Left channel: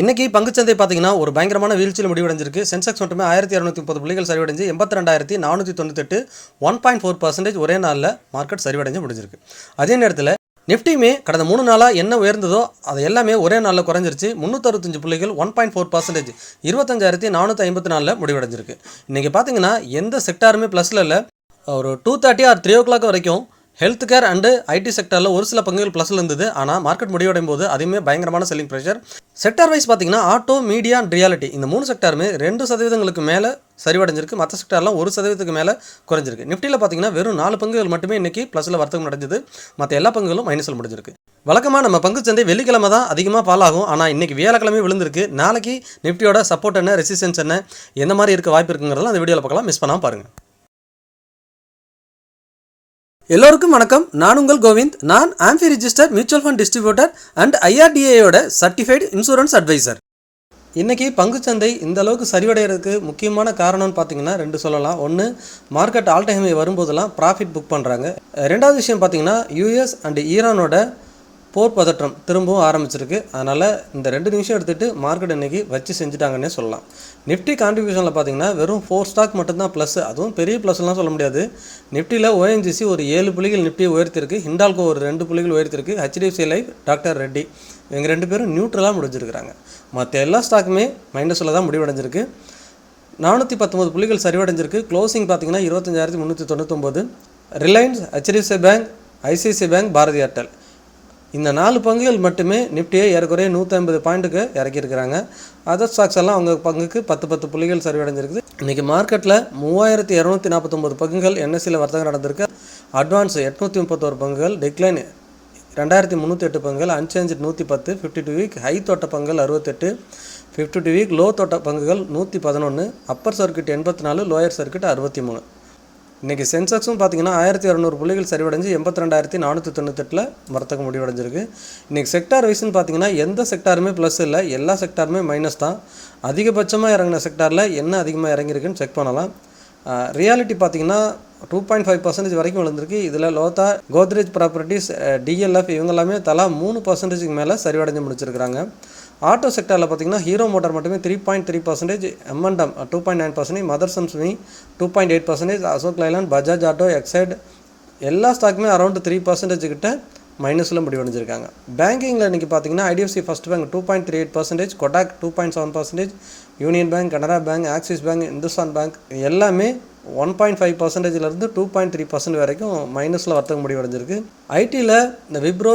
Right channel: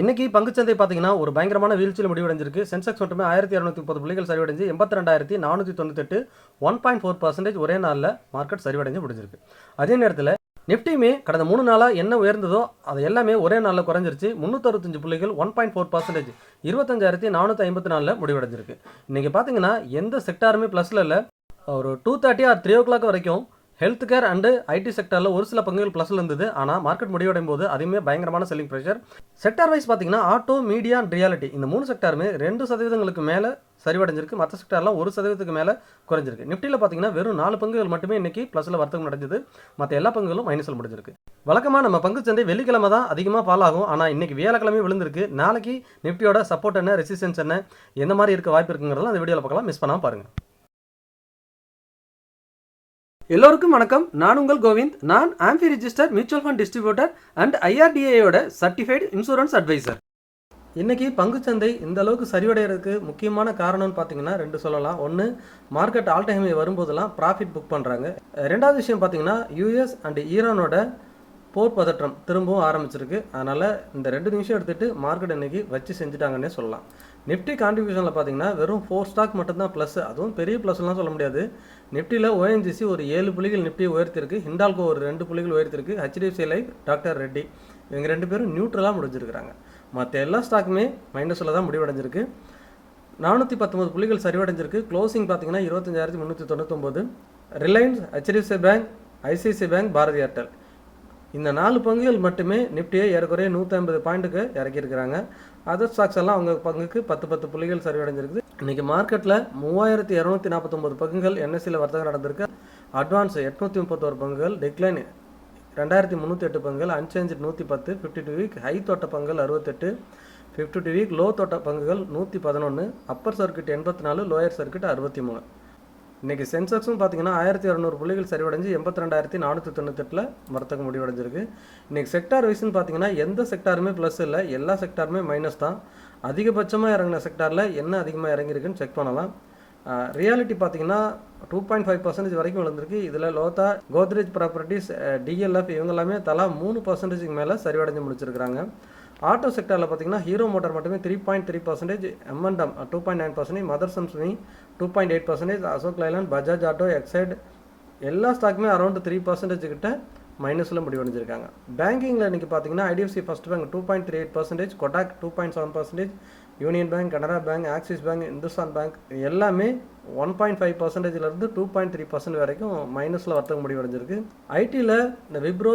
இன்னைக்கு பங்குச்சந்தை பார்த்தீங்கன்னா ஒரு பயங்கரமான வீழ்ச்சியில் முடிவடைஞ்சிருக்கு. சென்செக்ஸ் மட்டுமே 1230 புள்ளிகள் சரிவடைஞ்சு 82,498 1.4% ஒரே நாளில் மார்க்கெட் சரிவடைஞ்சு முடிஞ்சிருக்கு. அதே நேரத்தில் நிஃப்டியுமே கடந்த 3 நாளாக என்ன உயர்ந்ததோ அது எல்லாமே ஒரே நாளில் குறைஞ்சிருச்சு. 365 புள்ளிகள் 1.4% 25,454 முடிவடைஞ்சிருக்கு. இன்றைக்கி பார்த்தீங்கன்னா எந்த செக்டாருமே ப்ளஸில் இல்லை. ஒரு 2:30 ஆர் 3 o'clock வரைக்கும் ஹெல்த் கேர் அண்டு ஐடி செக்டரில் ஒரு சில பங்குகள் ப்ளஸில் இருந்தது. ஆனால் மார்க்கெட் முடிவடையும் போது அதுவுமே பயங்கரமான செல்லிங் ப்ரெஷர். செக்டார் வைஸ் பார்த்தீங்கன்னா ஆட்டோ, மீடியா அண்ட் ரியாலிட்டி இந்த 3 செக்டாருமே 2% மேலே சரிவடைஞ்சிருக்கு. மற்ற செக்டார்லாம் 1% மேலே குறைஞ்சிருக்கு. நிஃப்டியில் பார்த்தீங்கன்னா வெறும் 4 பங்குகள் மட்டுமே இன்றைக்கி ப்ளஸில் வர்த்தகம் நடந்தது. மற்ற எல்லா பங்குகளும் மைனஸில் முடிஞ்சிருக்கு. வழக்கமாக நம்ம பங்குச்சந்தை வெள்ளிக்கிழமை தான் அதிகமாக ஃபால் ஆகும். ஆனால் இன்றைக்கி வியாழக்கிழமை விழுந்திருக்கு. நாளைக்கு நிஃப்டியோட சப்போர்ட் என்ன, ரெசிஸ்டன்ஸ் என்ன, எந்த மாதிரி இருக்க வாய்ப்பு இருக்குங்கிறதெல்லாம் அந்த வீடியோவில் பார்க்கலாம். மிஸ் பண்ணாமல் பாருங்கள். எல்லோருக்கும் வணக்கம். நான் உங்கள் கோவிந்த். நான் AMFI register mutual fund distributor and ஐஆர்டிஏயோட சர்டிஃபைடு இன்சூரன்ஸ் அட்வைசர். இன்றைக்கி பங்குச்சந்தை இந்த அளவுக்கு சரிவடைகிறதுக்கு முக்கியமான காரணம்னு பார்த்தீங்கன்னா 2 சொல்லலாம். ஒன்று, மார்க்கெட் ஆல் டைம் ஹை வரும்போதெல்லாம் ப்ராஃபிட் புக் பண்ணுறாங்க. ரெண்டாவது விஷயம் பார்த்தீங்கன்னா யூஎஸ் அண்ட் ஈரானோட போர் பதற்றம் திரும்பவும் ஆரம்பிச்சிருக்கு. அதனால் இந்த 2 நிமிஷம் எடுத்துகிட்டு மார்க்கெட் இன்றைக்கி வச்சு செஞ்சுட்டாங்கன்னே சொல்லலாம். நிஃப்டி கான்ட்ரிபியூஷனில் பார்த்தீங்கன்னா வெறும் 4 ஸ்டாக் மட்டும்தான் ப்ளஸ். அதுவும் பெரிய ப்ளஸ்லாம் சொல்ல முடியாது. நிஃப்டியில் ஓஎன்ஜிசி ஒரு 7 புள்ளிகள் நிஃப்டி உயர்த்திருக்கு. ஹிண்டால்கோ ஒரு 2 புள்ளிகள் உயர்த்திருக்கு. ஹெச்டிஎஃப்சி லைஃப், டாக்டர் ரெட்டி இவங்க 2 பேரும் நியூட்ரலாக முடிஞ்சிருக்கிறாங்க. மற்ற எல்லா ஸ்டாக்குமே மைனஸில் தான் முடிவடைஞ்சிருக்கு. 419 புள்ளிகள் சரிவடைஞ்சிருக்கு. க்ளோசிங் பார்த்தீங்கன்னா 25,399. Reliance, HDFC bank, ICICI bank, Bharti Airtel இந்த 4 பங்குகள் மட்டுமே நிஃப்டியை ஏறக்குறைய 150 பாயிண்ட்டுக்கு இறக்கியிருக்கிறாங்க. அதர் ஸ்டாக்ஸ் எல்லாம் அவங்க பங்குக்கு 10 புள்ளிகள் சரிவடைஞ்சிருக்குது. இன்றைக்கி மார்க்கெட்டில் 3249 பங்குகள் என்எஸ்சியில் வர்த்தகம் நடந்திருக்கு. அட்வான்ஸ் 831 பங்குகள், டிக்ளைன் 2308 பங்குகள், அன்சேஞ்சு 110, 52 வீக் ஹை தொட்ட பங்குகள் 68, 52 வீக் லோ தொட்ட பங்குகள் 111, அப்பர் சர்க்கியூட் 84, லோயர் சர்க்கியூட் 63. இன்றைக்கி சென்செக்ஸும் பார்த்திங்கன்னா 1200 புள்ளிகள் சரிவடைஞ்சு 82,498 வர்த்தகம் முடிவடைஞ்சிருக்கு. இன்றைக்கி செக்டார் வைஸ்ன்னு பார்த்தீங்கன்னா எந்த செக்டாருமே ப்ளஸ் இல்லை, எல்லா செக்டாருமே மைனஸ் தான். அதிகபட்சமாக இறங்கின செக்டாரில் என்ன அதிகமாக இறங்கியிருக்குன்னு செக் பண்ணலாம். ரியாலிட்டி பார்த்திங்கன்னா 2.5% வரைக்கும் விழுந்திருக்கு. இதில் லோதா, கோத்ரேஜ் ப்ராப்பர்ட்டிஸ், டிஎல்எஃப் இவங்க எல்லாமே தலா 3% மேலே சரிவடைஞ்சு முடிச்சிருக்கிறாங்க. ஆட்டோ செக்டரில் பார்த்திங்கன்னா ஹீரோ மோட்டார் மட்டுமே 3.3%, எம்என்டம் 2.9%, மதர்சன்ஸ் மீ 2.8%, Ashok Leyland, Bajaj Auto, Exide எல்லா ஸ்டாக்குமே அரௌண்ட் 3% கிட்ட மைனஸில் முடிவடைஞ்சிருக்காங்க. பேங்கிங்கில் இன்றைக்கி பார்த்திங்கன்னா IDFC first bank 2.38%, Kotak 2.7%, union bank, Canara bank, axis bank, Hindustan bank எல்லாமே 1.5%லேருந்து 2.3% வரைக்கும் மைனஸில் வர்த்தகம் முடிவடைஞ்சிருக்கு. ஐடியில் இந்த விப்ரோ,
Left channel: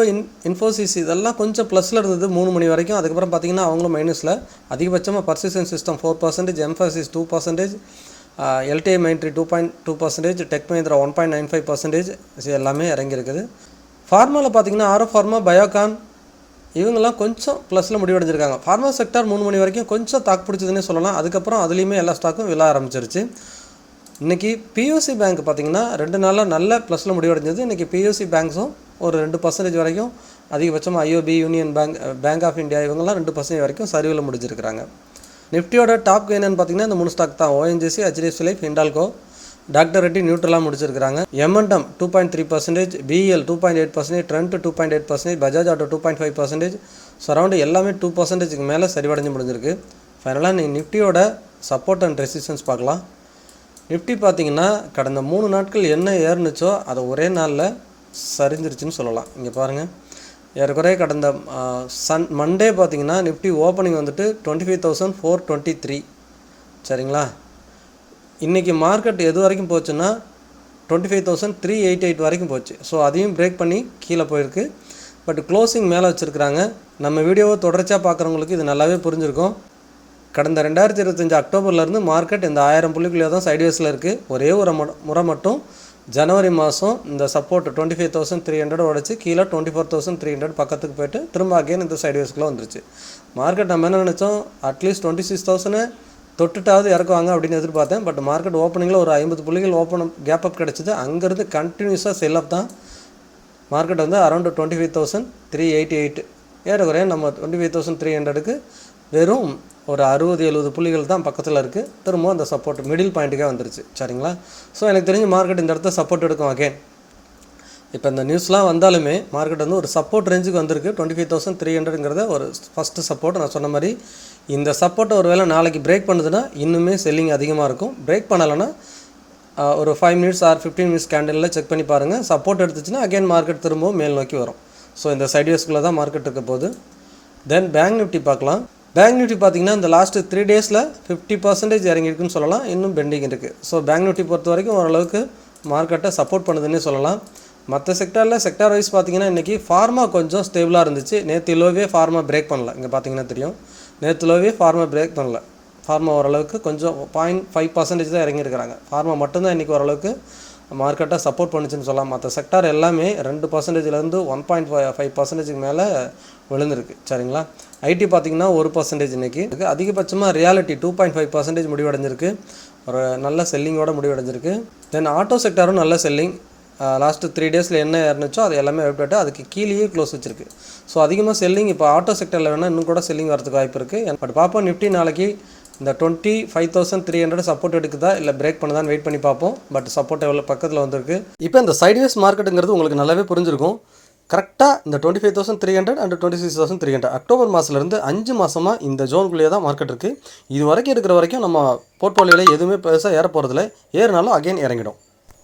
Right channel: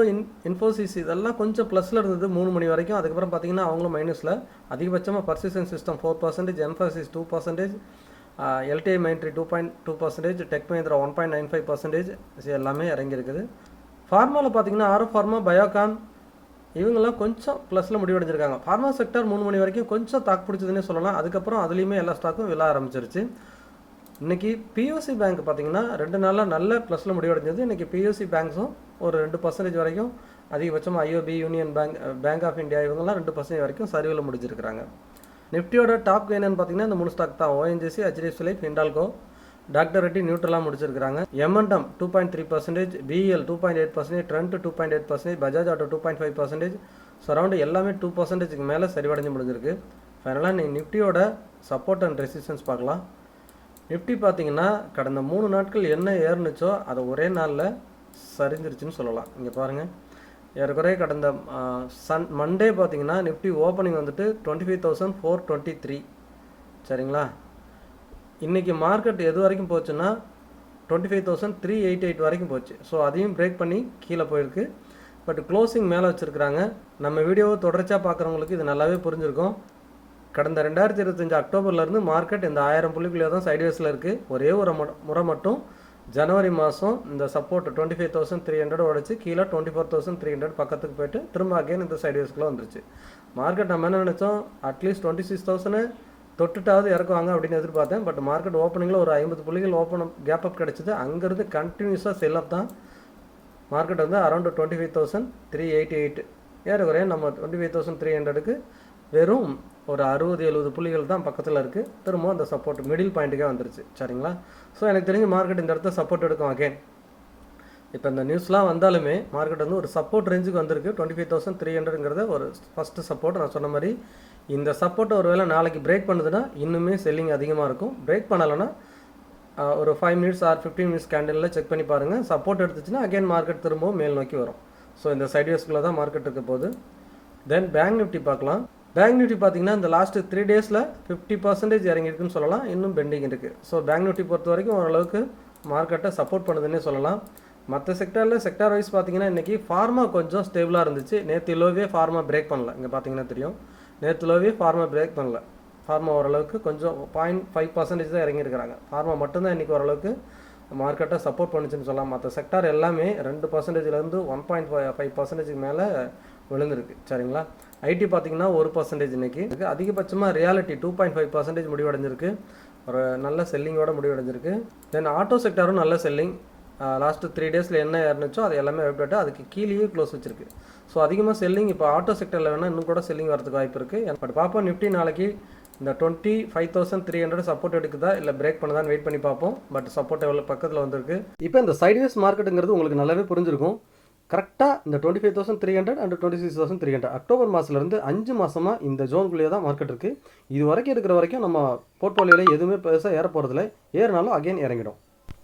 இன்ஃபோசிஸ் இதெல்லாம் கொஞ்சம் ப்ளஸில் இருந்தது 3 மணி வரைக்கும். அதுக்கப்புறம் பார்த்திங்கன்னா அவங்களும் மைனஸில். அதிகபட்சமாக persistent system 4%, Mphasis 2%, LTI Mindtree 2.2%, tech Mahindra 1.95% எல்லாமே இறங்கியிருக்குது. ஃபார்மாவில் பார்த்திங்கன்னா ஆரோ ஃபார்மா, பயோகான் இவங்கெல்லாம் கொஞ்சம் ப்ளஸில் முடிவடைஞ்சிருக்காங்க. ஃபார்மா செக்டார் 3 மணி வரைக்கும் கொஞ்சம் தாக்கு பிடிச்சதுன்னே சொல்லலாம். அதுக்கப்புறம் அதுலேயுமே எல்லா ஸ்டாக்கும் விழ ஆரம்பிச்சிருச்சு. இன்றைக்கி பிஓசி பேங்க் பார்த்திங்கன்னா 2 நாளாக நல்ல ப்ளஸில் முடிவடைஞ்சது. இன்றைக்கி பிஓசி பேங்க்ஸும் ஒரு 2% வரைக்கும், அதிகபட்சமாக IOB, union bank, bank of India இவங்கெல்லாம் 2% வரைக்கும் சரிவில் முடிஞ்சிருக்கிறாங்க. நிஃப்டியோட டாப் கெயினர்னு பார்த்திங்கன்னா இந்த 3 ஸ்டாக் தான். ONGC, HDFC Life, Hindalco, doctor Reddy நியூட்ரலாக முடிச்சிருக்கிறாங்க. M and M 2.3%, BEL 2.8%, Trent 2.8%, Bajaj Auto 2.5%, around எல்லாமே 2%க்கு மேலே சரிவடைஞ்சு முடிஞ்சிருக்கு. ஃபைனலாக நீ நிஃப்டியோட சப்போர்ட் அண்ட் ரெசிஸ்டன்ஸ் பார்க்கலாம். நிஃப்டி பார்த்திங்கன்னா கடந்த 3 நாட்கள் என்ன ஏறுனுச்சோ அதை ஒரே நாளில் சரிஞ்சிருச்சுன்னு சொல்லலாம். இங்கே பாருங்கள், ஏறக்குறைய கடந்த மண்டே பார்த்திங்கன்னா நிஃப்டி ஓப்பனிங் வந்துட்டு 25,423 சரிங்களா. இன்றைக்கி மார்க்கெட் எது வரைக்கும் போச்சுன்னா 25,388 வரைக்கும் போச்சு. ஸோ அதையும் பிரேக் பண்ணி கீழே போயிருக்கு. பட் க்ளோசிங் மேலே வச்சுருக்கிறாங்க. நம்ம வீடியோவை தொடர்ச்சியாக பார்க்குறவங்களுக்கு இது நல்லாவே புரிஞ்சிருக்கும். கடந்த 2025 அக்டோபர்லேருந்து மார்க்கெட் இந்த 1000 புள்ளிக்குள்ளே தான் சைட்வேஸில் இருக்குது. ஒரே ஒரு முறை மட்டும் ஜனவரி மாதம் இந்த சப்போர்ட் 25,300 உடச்சி கீழே 24,300 பக்கத்துக்கு போய்ட்டு திரும்ப அகைன் இந்த சைட்வேஸ்க்குள்ளே வந்துருச்சு. மார்க்கெட் நம்ம என்ன நினச்சோம், அட்லீஸ்ட் 26,000 தொட்டுட்டாவது இறக்குவாங்க அப்படின்னு எதிர்பார்த்தேன். பட் மார்க்கெட் ஓப்பனிங்கில் ஒரு 50 புள்ளிகள் கேப் அப் கிடச்சிது. அங்கேருந்து கண்டினியூஸாக செல் அப் தான். மார்க்கெட் வந்து அரௌண்ட் 25,388 ஏறக்குறைய நம்ம 25,300க்கு வெறும் ஒரு 60-70 புள்ளிகள் தான் பக்கத்தில் இருக்குது. திரும்பவும் அந்த சப்போர்ட் மிடில் பாயிண்ட்டுக்கே வந்துருச்சு சரிங்களா. ஸோ எனக்கு தெரிஞ்ச மார்க்கெட் இந்த இடத்த சப்போர்ட் எடுக்கும் அகெயின். இப்போ இந்த நியூஸ்லாம் வந்தாலுமே மார்க்கெட் வந்து ஒரு சப்போர்ட் ரேஞ்சுக்கு வந்திருக்கு. 25,300ங்கிறத ஒரு ஃபஸ்ட்டு சப்போர்ட். நான் சொன்ன மாதிரி இந்த சப்போர்ட்டை ஒரு வேளை நாளைக்கு பிரேக் பண்ணுதுன்னா இன்னுமே செல்லிங் அதிகமாக இருக்கும். பிரேக் பண்ணலைன்னா ஒரு 5 மினிட்ஸ் ஆர் 15 மினிட்ஸ் கேண்டலில் செக் பண்ணி பாருங்கள். சப்போர்ட் எடுத்துச்சுன்னா அகைன் மார்க்கெட் திரும்பவும் மேல் நோக்கி வரும். ஸோ இந்த சைட்வேஸ்க்குள்ளே தான் மார்க்கெட் இருக்க போகுது. தென் பேங்க் நிஃப்டி பார்க்கலாம். பேங்க் நிஃப்டி பார்த்திங்கன்னா இந்த லாஸ்ட்டு 3 டேஸில் 50% இறங்கியிருக்குன்னு சொல்லலாம். இன்னும் பெண்டிங் இருக்குது. ஸோ பேங்க் நிஃப்டி பொறுத்த வரைக்கும் ஓரளவுக்கு மார்க்கெட்டை சப்போர்ட் பண்ணுதுன்னே சொல்லலாம். மற்ற செக்டார் வைஸ் பார்த்திங்கன்னா இன்றைக்கி ஃபார்மா கொஞ்சம் ஸ்டேபிளாக இருந்துச்சு. நேற்று லோவே ஃபார்மா பிரேக் பண்ணல. இங்கே பார்த்திங்கன்னா தெரியும், நேற்று லோவே ஃபார்மா பிரேக் பண்ணல. ஃபார்மா ஓரளவுக்கு கொஞ்சம் 0.5% தான் இறங்கியிருக்கிறாங்க. ஃபார்மா மட்டும்தான் இன்றைக்கி ஓரளவுக்கு மார்க்கெட்டை சப்போர்ட் பண்ணுச்சுன்னு சொல்லலாம். மற்ற செக்டார் எல்லாமே 2%லேருந்து 1.5% மேலே விழுந்திருக்கு. சரிங்களா. ஐடி பார்த்திங்கன்னா 1% இன்றைக்கி இருக்குது. அதிகபட்சமாக ரியாலிட்டி 2.5% முடிவடைஞ்சிருக்கு. ஒரு நல்ல செல்லிங்கோட முடிவடைஞ்சிருக்கு. தென் ஆட்டோ செக்டாரும் நல்ல செல்லிங். லாஸ்ட்டு 3 டேஸில் என்ன இருந்துச்சோ அது எல்லாமே போய்ட்டு அதுக்கு கீழேயே க்ளோஸ் வச்சிருக்கு. ஸோ அதிகமாக செல்லிங் இப்போ ஆட்டோ செக்டரில் வேணால் இன்னும் கூட செல்லிங் வரதுக்கு வாய்ப்பு இருக்குது. பட் பார்ப்போம், நிஃப்டி நாளைக்கு இந்த 25,300 சப்போர்ட் எடுக்குதா இல்லை பிரேக் பண்ணுதான்னு வெயிட் பண்ணி பார்ப்போம். பட் சப்போர்ட் எவ்வளோ பக்கத்தில் வந்திருக்கு. இப்போ இந்த சைட்வேஸ் மார்க்கெட்டுங்கிறது உங்களுக்கு நல்லாவே புரிஞ்சிருக்கும். கரெக்டாக இந்த 25,300 அண்ட் 26,300 அக்டோபர் மாதத்துலேருந்து 5 மாதமாக இந்த ஜோனுக்குள்ளேயே தான் மார்க்கெட் இருக்குது. இது வரைக்கும் இருக்கிற வரைக்கும் நம்ம போர்ட்ஃபோலியோவில் எதுவுமே பெருசாக ஏற போகிறதில்ல. ஏறினாலும் அகைன் இறங்கிடும்.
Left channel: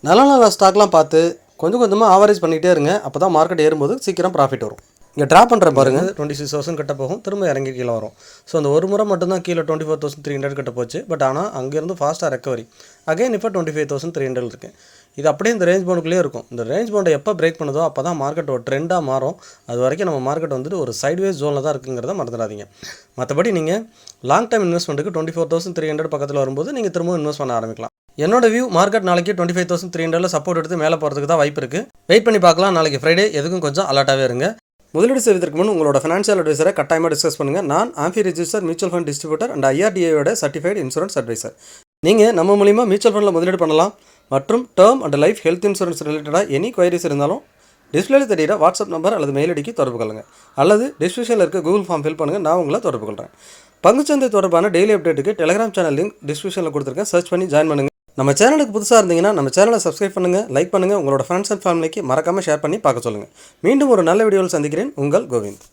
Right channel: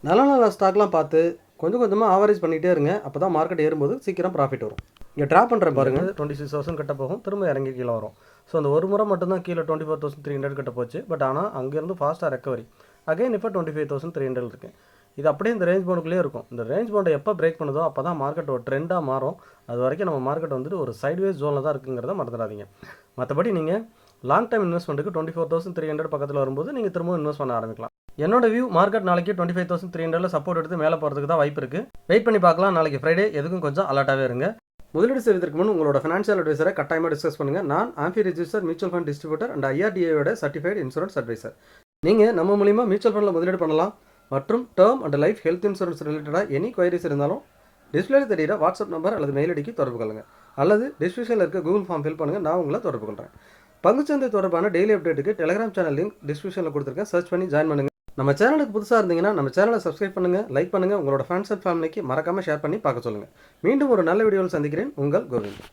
நல்ல ஸ்டாக்லாம் பார்த்து கொஞ்சம் கொஞ்சமாக ஆவரேஜ் பண்ணிகிட்டே இருங்க. அப்போ தான் மார்க்கெட் ஏறும்போது சீக்கிரம் ப்ராஃபிட் வரும். இங்கே ட்ராப் பண்ணுற பாருங்கள், 26,000 கிட்ட போகும், திரும்ப இறங்கி கீழே வரும். ஸோ அந்த ஒரு முறை மட்டும்தான் கீழே 24,300 கிட்ட போச்சு. பட் ஆனால் அங்கேருந்து ஃபாஸ்ட்டாக ரெக்கவரி அகைன் இப்போ 25,300 இருக்குது. இது அப்படியே இந்த ரேஞ்ச் பவுண்டுக்குள்ளேயே இருக்கும். இந்த ரேஞ்ச் பவுண்டை எப்போ பிரேக் பண்ணுதோ அப்போ தான் மார்க்கெட் ஒரு ட்ரெண்டாக மாறும். அது வரைக்கும் நம்ம மார்க்கெட் வந்துட்டு ஒரு சைட்வேஸ் ஜோனில் தான் இருக்குங்கிறத மறந்துடாதீங்க. மற்றபடி நீங்கள் லாங் டைம் இன்வெஸ்ட்மெண்ட்டுக்கு 24,300 பக்கத்தில் வரும்போது நீங்கள் திரும்ப இன்வெஸ்ட் பண்ண ஆரம்பிக்கலாம். என்னோட வியூ மார்க்கெட் நாளைக்கு 25,300 சப்போர்ட் எடுத்து மேலே போகிறதுக்கு தான் வாய்ப்பு இருக்குது. வெயிட் பண்ணி பார்க்கலாம். நாளைக்கு ஃப்ரைடே, எதுக்கும் கொஞ்சம் அலர்ட்டாகவே இருங்க. முதலீடு செய்வதற்கு முன் உங்களோட ஃபினான்ஷியல் அட்வைசரை கட்டாயமாக டிஸ்கஸ் பண்ணுங்கள். நான் AMFI register mutual fund distributor and ஐஆர்டிஏயோட சர்டிஃபைடு இன்சூரன்ஸ் அட்வைசர். நீங்கள் நம்ம மூலிமா மியூச்சுவல் ஃபண்டில் முதலீடு பண்ணலாம். மற்றும் term and life health insurance ரிலேட்டடாக எனி குவைரிஸ் இருந்தாலும் டிஸ்பிளேல தெரியிற வாட்ஸ்அப் நம்பர் அல்லது மெயில் ஐடிக்கு தொடர்பு கொள்ளுங்கள். அல்லது டிஸ்கிரிப்ஷனில் இருக்க கூகுள் ஃபார்ம் ஃபில் பண்ணுங்கள். நான் உங்களை தொடர்பு கொள்கிறேன். பங்குச்சந்தை தொடர்பான டெய்லி அப்டேட்டுக்கு டெலிகிராம் சேனல் லிங்க் டிஸ்கிரிப்ஷனில் கொடுத்துருக்கேன். சர்ச் பண்ணி ஜாயின் பண்ணுங்கள். நம்ம சேனலுக்கு புதுசாக இருந்தீங்கன்னா நம்ம சேனலை சப்ஸ்கிரைப் பண்ணுங்கள், லைக் பண்ணுங்கள், உங்களோட ஃப்ரெண்ட்ஸ் அண்ட் ஃபேமிலிக்கு மறக்காமல் ஷேர் பண்ணி பார்க்க சொல்லுங்கள். மீண்டும் ஒரு நல்ல வீடியோவில் சந்திக்கிறேன். உங்கள் கோவிந்த்.